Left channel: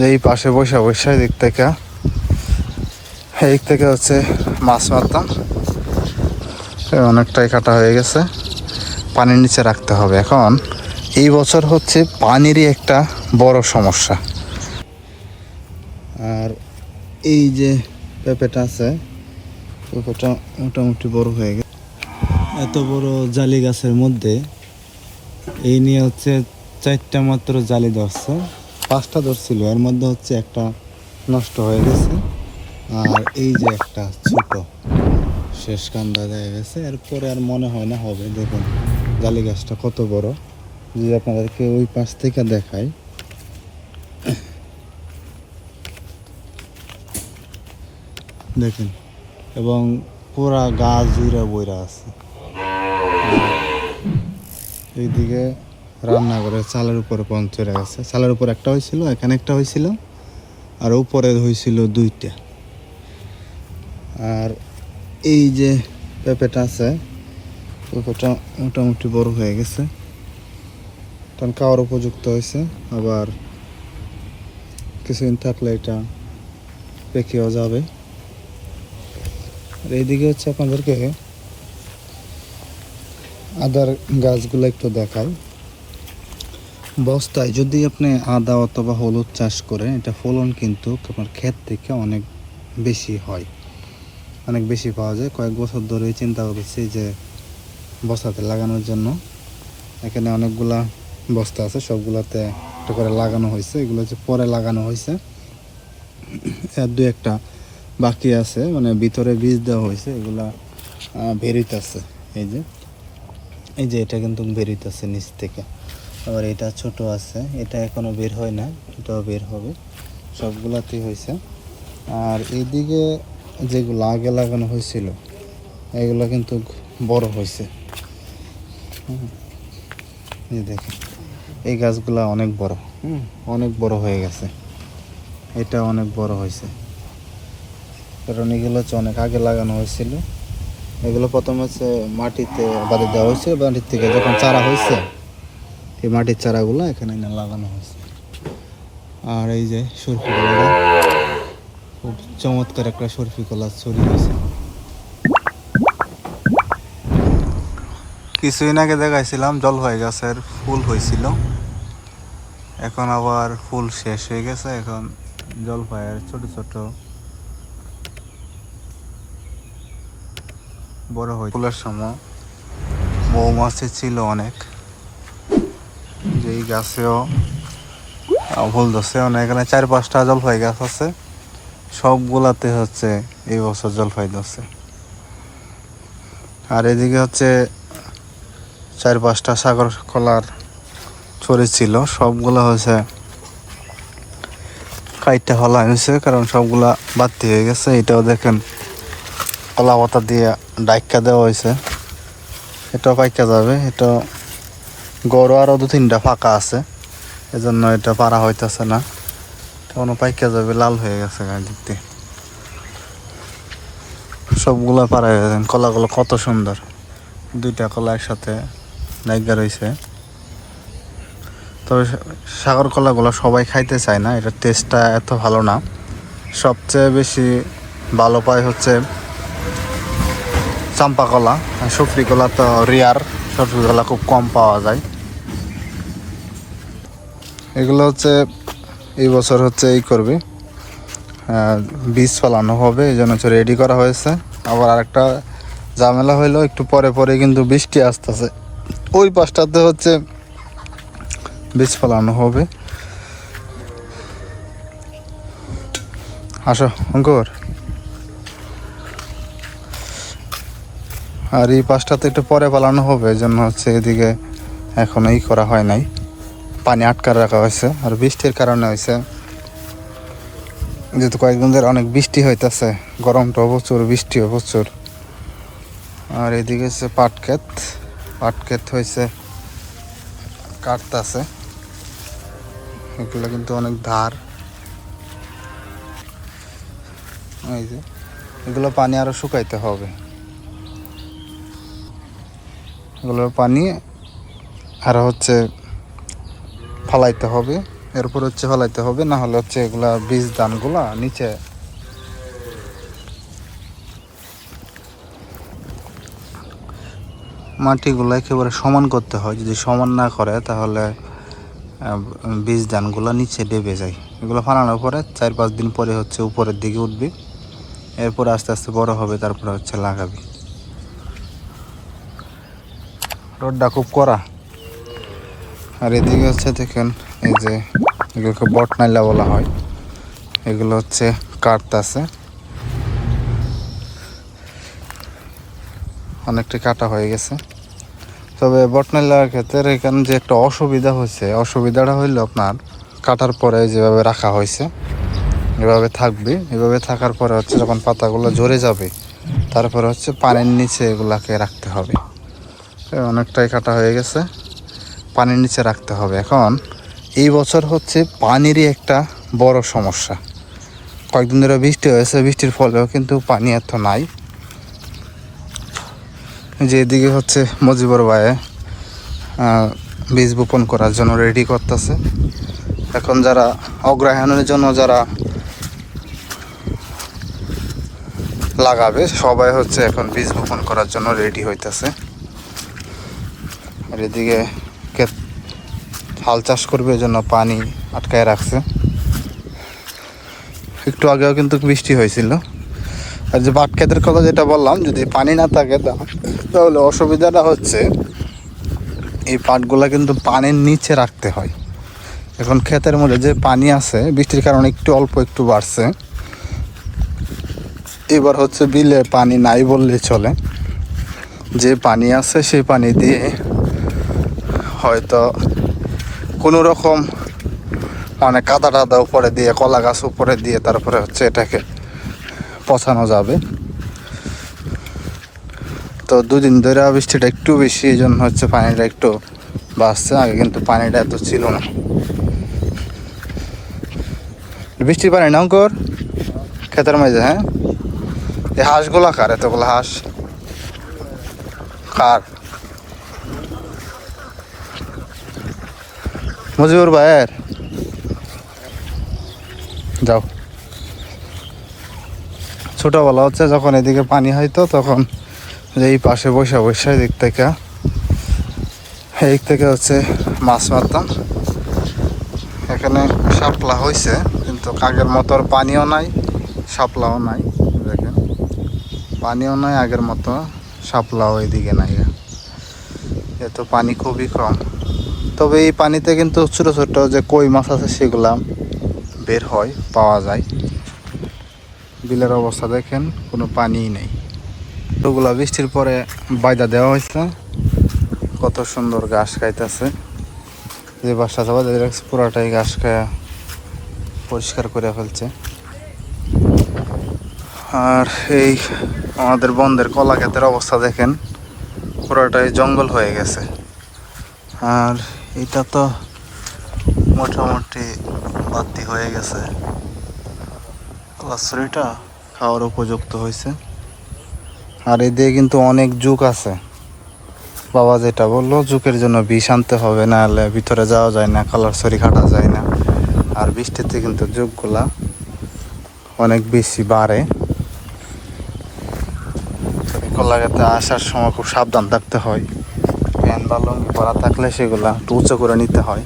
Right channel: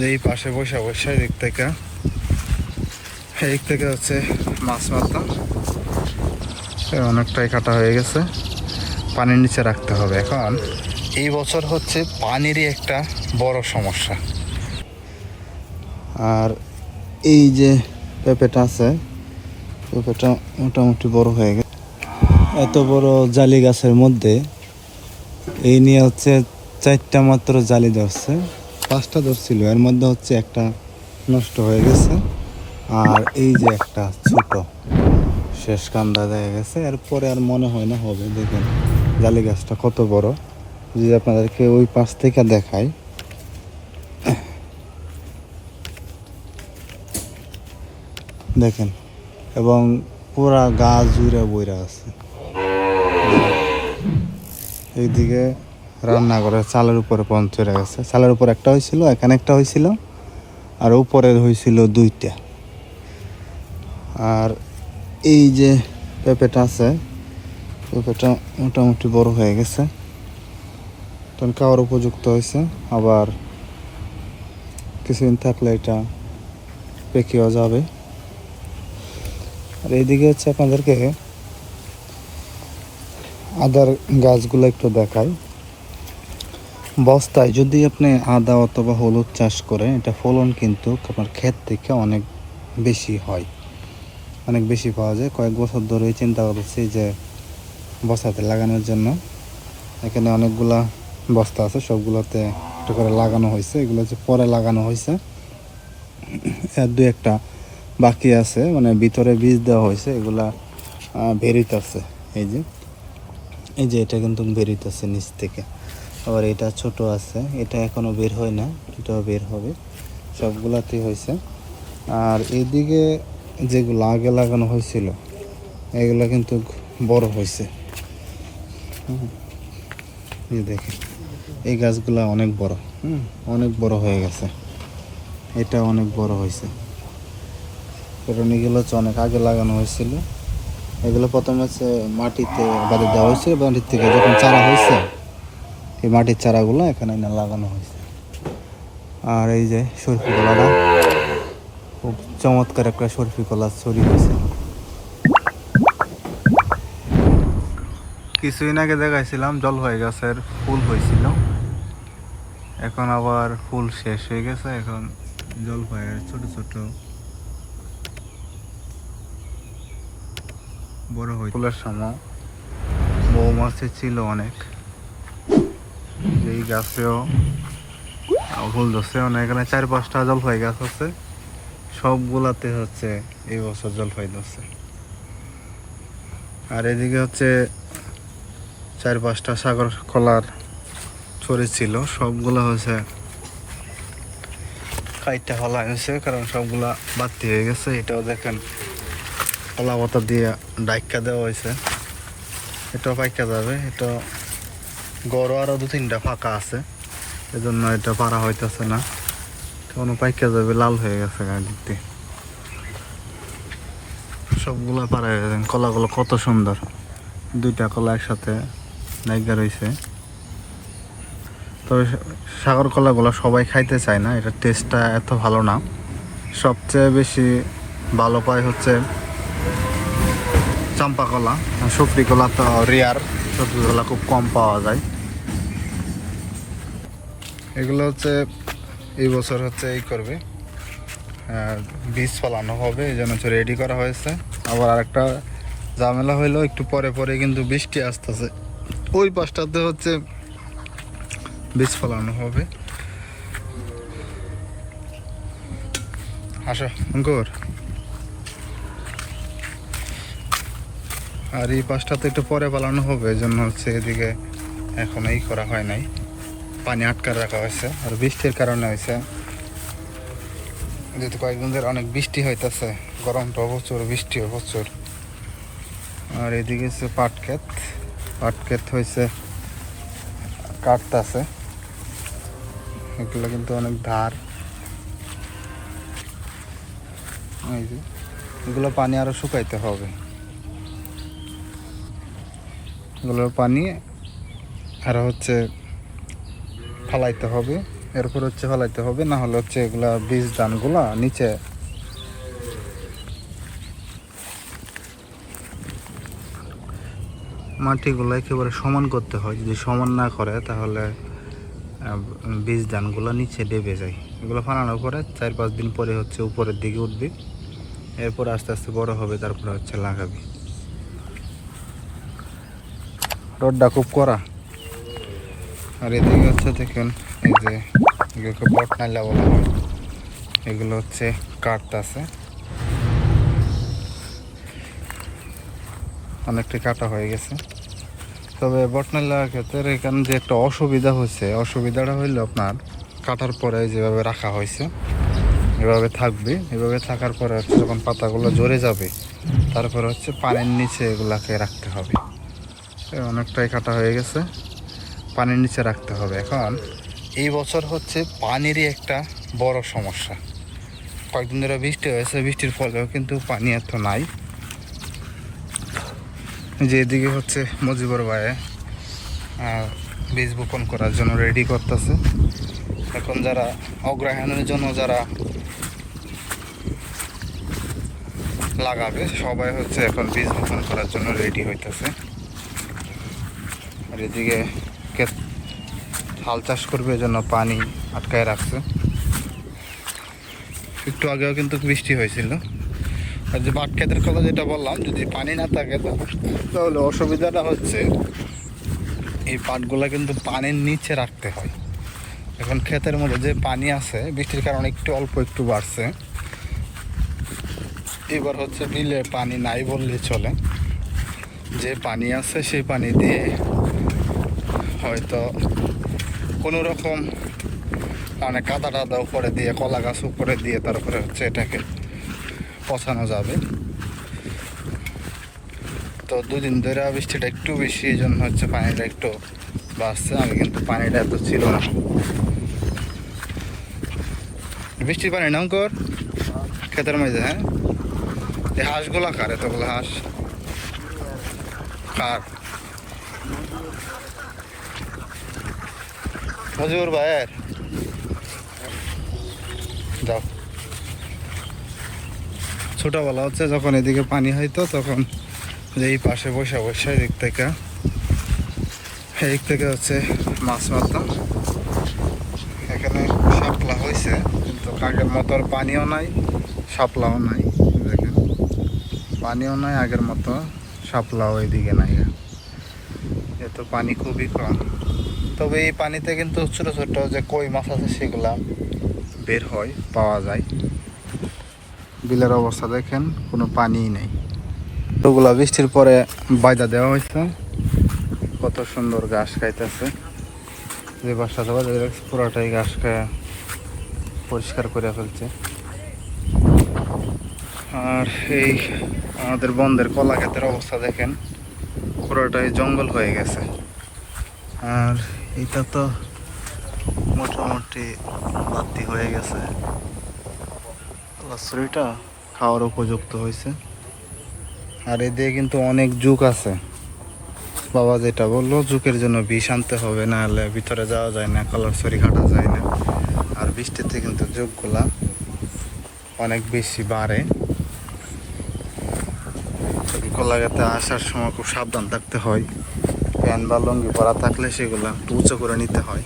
যে এই পাশে বসে বসে এদিক থেকে হচ্ছে মাছ মারতাম। অনেকটাই কাটা হয়ে গেছে, পানির নিচে রাখতে হবে। এখন এই বছর হচ্ছে পানিরই একটা বড় সমস্যা। আর এই যে পেঁপেটা আছে, পেঁপেটা মোটামুটি বড় হয়ে গেছে। এত বড় জালি গাছের মধ্যে এই নিয়ে হচ্ছে 4টা মাত্র জালি ধরছে, 5টা ধরছিল, এর মধ্যে হচ্ছে একটা নষ্ট হয়ে গেছে। আর এই যে একটা ছোট শেষ কান্দা দেখা গেছে, এরপরে আর মনে হয় না হবে। দেখুন জালি গাছটা কত বড়, যদি আপনাদেরকে ওই পাশ থেকে দেখাই, দেখেন, এবং পুরা গাছ জুড়ে বইরা আছে। এইদিকে রান্নাঘরের চালের উপরে পৌঁছে গেছে, চালের উপর একটা হয়েছিল, এখানে একটা হয়েছিল, আর উপরে হয়েছিল 2টা। আর এই যে পেঁপেটা আছে, পেঁপেটা মোটামুটি বড় হয়ে গেছে, তখন খাওয়ার উপযুক্ত হয়েছে। আবার কিছুদিন থাকলে এটা পেকেও যাবে। আর এইদিকে হচ্ছে আপনাদেরকে আদার গাছগুলো একটু দেখাই। বস্তায় যদি আপনি আদা অথবা হলুদ চাষ করেন, এটা ফলন কিন্তু আপনার ক্ষেত থেকে অনেক বেশি হয়, অনেক বেশি পাওয়া যায়। কয়েক বছর ধরেই চিন্তা করছি যে বস্তাতে লাগানোর জন্য। এখানে অনেকগুলা বস্তা আছে, সবগুলোতে একটা করে লাগানো হয়েছে। এগুলো হচ্ছে পরে লাগানো হয়েছে, আর 2-1টা বাকি আছে, মানে ভিতরে বীজ দেওয়া হয়েছে। এগুলা বেরিতেছে, এই যে এটা কিন্তু বেরিতেছে নিচ থেকে। আবার এটা ছোট আছে, এটা এখনো বের হয় না, এটাও বের হবে। সবগুলাতেই হয়েছে। আর এইদিকে যেগুলো আগে লাগানো হয়েছিল এগুলো কিন্তু বড় হয়েছে। এই দেখে এই গাছগুলো অনেক বড়, অনেক বড় হয়ে গেছে। এটা অনেক বড় হয়েছে, কারণ এগুলো হচ্ছে অনেক আগে লাগানো হয়েছিল। এগুলো প্রথমে হচ্ছে মাটিতে বাঁধে দেওয়া হয়েছিল, মাটির থেকে যখন চারা হয়েছে এই মাটির চারাগুলো এখানে না লাগানো হয়েছে। আর এই যে সরফি কলাটা, খুব চমৎকার একটা সরফি কলা ছড়িয়ে হয়েছে। কিছুদিন আগে দেখাইছিলাম জলপাই গাছের ফুল হয়েছিল, এখন আবার ফুল শেষ হয়ে গেছে। এখন জলপাইয়ের ছোট ছোট বড় হয়। ফুলের সময় মৌমাছি ছিল অনেক, যেই গাছেও ফুল ধরছে। মানে এখানে 4-5টা জলপাই গাছ আছে, সবগুলাতে হচ্ছে এই বছর জলপাই ধরছে। আর এদিকে হচ্ছে 4-5টা সাগর কলার ছড়ি ছিল, সবগুলা হচ্ছে কাইটটা হলা হয়েছে, কারণ সবগুলা বাড়তি হয়ে গেছে। এটাও দেখেন কলা পাতা দিয়ে ডাইকা দেওয়া হয়েছে, এটাও পাইকা যাবে। এটা গড় আরও 2-3টা ফাঁকা আছে, এজন্য এটা পারা হইতেছে না, কেমন পাইকা যাবে। লাল হয়ে গেছে দিক দিয়ে, সবগুলা পারা হয়ে গেছে। কলাগুলো কত সুন্দর, 2টা কলা একসাথে নাইগা রয়েছে। তবে সাগর কলাগুলো সবাই খাইতে চায় না, এটার টেস্টটা এত ভালো না। সবচেয়ে বেশি ভালো পায় হচ্ছে চাম্পা কলা। সফরি কলা তো রেয়ার, সফরি কলা খুব কম পাওয়া যায়। এগুলো হচ্ছে এই বছর হচ্ছে এই করবে, বীজ ফলানো হবে, এই জন্য হচ্ছে রেডি করা হয়েছে। আবার আরেকটা ঝামেলা হইলো, একটু পরে পরে কিন্তু বৃষ্টি আসতেছে, ওই পাশটাতে হচ্ছে বীজ ফলানো হবে। আসো অঙ্কুর। আর এই পাশটাতে একটু পরে ফলানো হবে, এই জন্য হচ্ছে এদিকে এখনো করা হয় নাই, পানি আটকা রাখা হয়েছে। আর বৃষ্টির কারণে হয়েছে, যেহেতু কয়েকদিন ধরে অনেক বৃষ্টি হইতেছে, গরমটাও প্রচুর, বৃষ্টিও প্রচুর। আর এদিকে হচ্ছে পাট ক্ষেত হয়েছে, কাটতেছে। এগুলো কিন্তু অনেক ধার, এই যে এগুলো পানি আরো শুকাইতে হবে, এগুলোর পানি আরো হচ্ছে ফলাইতে হবে, এরপর হচ্ছে ফেলাইতে হবে, না হলে হচ্ছে এগুলা বীজ ধানগুলা নিচে মাটিগুলো একেবারে সমান করতে হয়। যদি সমান না করে তাহলে বীজ ধানগুলো নিচে ডেবে যায়। এগুলো ফালানোর পরে 4-5 দিন পরে হচ্ছে উপরের দিকে উঠবে, এরপর আস্তে আস্তে বড় হবে, তারপরে হচ্ছে লাগাবি। রোডটা খুব কড়া। আর এদিকে হচ্ছে দেখেন এই যে এগুলোকে বটনাইলা বলা হয়, এগুলো হচ্ছে কাটতেছে, অনেকটা কাটা হয়ে গেছে। তবে বটনাইলার ক্ষেত্রে এখানে যে একটা অসুবিধা হয়েছে, অসুবিধাটা হইলো আপনার কাটার পরে যেভাবে রাখা হয়েছে এভাবে থাকবে, এভাবে থাকার পরে হচ্ছে যখন পাতাগুলো ঝরে যাবে তারপরে হচ্ছে পানির নিচে এগুলাকে রাখতে হবে। অনেকটাই কাটা হয়ে গেছে, পানির নিচে রাখতে হবে। এখন এই বছর হচ্ছে পানিরই একটা বড় সমস্যা। কয়েকদিন ধরে বৃষ্টি হয়েছে, বৃষ্টির ফলেও কিন্তু পানি এত নাই। যে এদিকে হচ্ছে মজিবর ভাইয়ে বীজ বপন করার জন্য রেডি করতেছে। এখন যারা অগ্রহায়ণের জন্য যারা লাগাবে সবাই হচ্ছে এখন বীজ বপন করার জন্য রেডি হইতেছে। আর এদিকে হাল চাষ করবে জন্য পানি আটকায় রাখছে। একটু আগেও কিন্তু বৃষ্টি হয়েছিল। আর যে পাট ক্ষেতের কথা যেটা বললাম, যদি পানি না থাকে তাহলে অসুবিধাটা হচ্ছে এই পাটগুলা কিন্তু পানির নিচে রাখতে হয়। এখন ক্ষেতের মধ্যে যে পানি আছে বৃষ্টির কারণে একটু অল্প একটু বাড়ছে, এবার হচ্ছে বিলে পানি নাই বললে চলে। যে পানি আছে সেই পানি দিয়ে হয়তো কোনো রকম মানে কাদা টাদা উপরে দিয়ে, কলা গাছ উপরে দিয়ে তারপরে হচ্ছে এটাকে পচানো যাবে। তো দুদিন ধরে বৃষ্টিটা একটু বেশি, এই জন্য হচ্ছে পানিটা একটু বাড়ছে। আগে কিন্তু পানিটা এত ছিল না। বৃষ্টির পানি না অঙ্কর ক্ষেতের মাঝে? হ্যাঁ, এই হাঁসগুলা কার? এতগুলো হাঁস কার? মজিবুর ভাইয়ের? যাও। ছোটোবেলা হচ্ছে যখন এদিকে পানি হইতো তখন এই পাশে বসে বসে এদিক থেকে হচ্ছে মাছ মারতাম। এখানে শাপলা হয়েছে কিন্তু আগের মতো পানিও নাই, শাপলাও নাই। দেখেন পানিও নাই আগের মতো, শাপলাও এইদিকে নাই, এত পানি খুবই কম। তবে এই পানিতে কিন্তু ছোটো ছোটো যে কই মাছ আছে সেগুলা বের হয়, পাওয়া যায়। বিলের অবস্থা দেখেন, কোনো পানিই নেই। ওগুলা বৃষ্টির পরে বাইদা দেওয়া হয়েছে, কত সুন্দর ঘাস খাইতেছে। যে বাসা যাওয়া পুরাটাই ঘাস খায়া পরিষ্কার করে ফেলছে। আর এই আমাদের বন্ধের কলা ক্ষেতের অবস্থা দেখেন, পুরাটাই জঙ্গল হয়ে গেছে। আর এটা তো মোটামুটি বাতি হয়ে গেছে, কলাছড়িটা খাওয়ার উপযুক্ত হয়েছে। আর এদিকে কিন্তু অনেক জুক আছে। বাবা যেটা বললো, জুকের জন্য বিষ আনতে হবে, না হলে ভিতরে যাওয়া যায় না, কলাছড়ি কাটা যায় না। আর বৃষ্টিতে কিন্তু জুকগুলা অনেক বেশি বাড়ে। কলা গাছে আসার সময় খুব সাবধান থাকতে হয়। প্যান্ট বা লুঙ্গি পরা থাকলে সেগুলা একটু উঁচু করে নিতে হয়,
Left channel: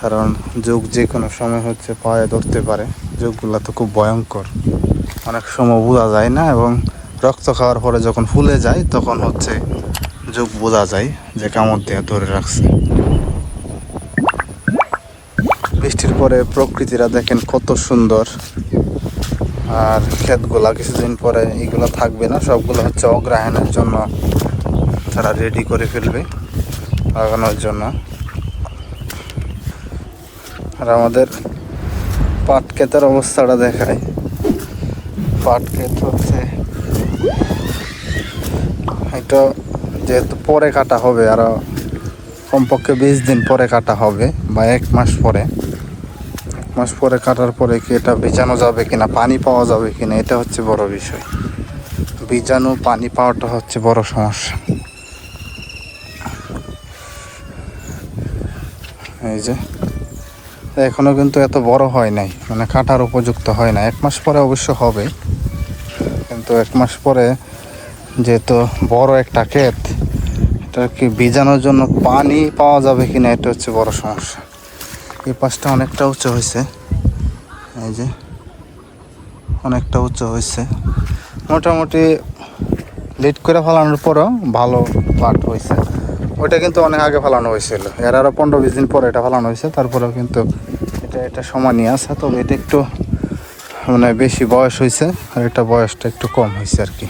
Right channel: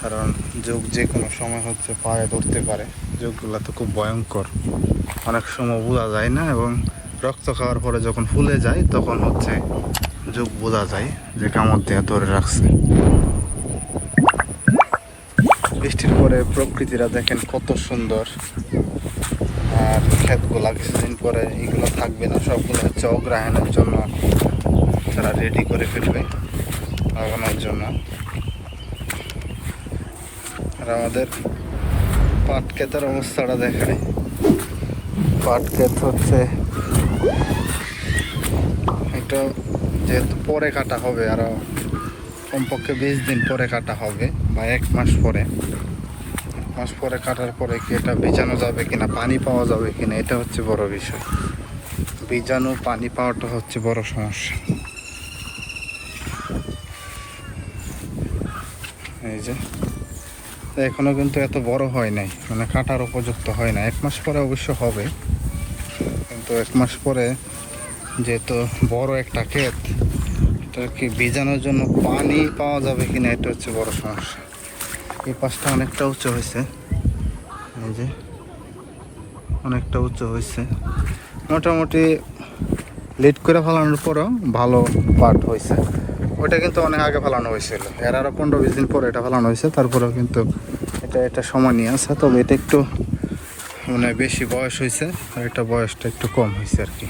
কারণ জুক যে কোনো সময় হচ্ছে পায়ে ধরতে পারে। জুকগুলা তো খুব ভয়ঙ্কর, অনেক সময় বোঝা যায় না, এবং রক্ত খাওয়ার পরে যখন ফুলে যায় তখন হচ্ছে জুক বোঝা যায় যে কামড় দিয়ে ধরে রাখছে। বৃষ্টির পরে প্রকৃতিরা দেখেন কত সুন্দর। আর ক্ষেতগুলা কিছুদিন পরে এইগুলো থাকবে না, সবগুলো হচ্ছে অগ্রহায়ণের জন্য তারা রেডি করে ফেলবে লাগানোর জন্য। আর আমাদের পাট ক্ষেতের অবস্থাটা দেখায়। পাট ক্ষেত হচ্ছে এটা যেহেতু পরে কাটা হবে, আরো কমপক্ষে 20 দিন পরে কাটা হবে বা 1 মাস পরে। 1 মাস পরে কাটার পরে কি এটা বেচানো যাবে কিনা, পানি পাওয়া যাবে কিনা, এটা হচ্ছে বড় বিষয়। বীজাণু পানি পাওয়াটা হচ্ছে বড় সমস্যা। এই যে এখনো কিন্তু এত বড় হয় নাই, মানে কাটার উপযুক্ত হয় না। 1 মাস পরে অবশ্য হবে, কিন্তু 1 মাস পরে যেহেতু বড় একটা ক্ষেত, এটা কি ভিজানোর জন্য পানি পাওয়া যাবে কিনা এটা হচ্ছে বড় সমস্যা। এই পাশটা অনেকটা উঁচু হয়েছে, এই যে অনেকটা উঁচু হয়েছে। মোটামুটি লিড করে ফেলানোর পরেও ভালো পাট হয়েছে। ওইটা কিন্তু অনেক আগে ফেলানো হয়েছিল, এর আরও 15-20 দিন পরে এটা ফেলানো হয়েছে। তারপরেও কিন্তু এটা সমানই আছে, তবে এটা একটু মানে বেশি বয়স হয়েছে আর এটা বয়সটা একটু কম হয়েছে আর কি।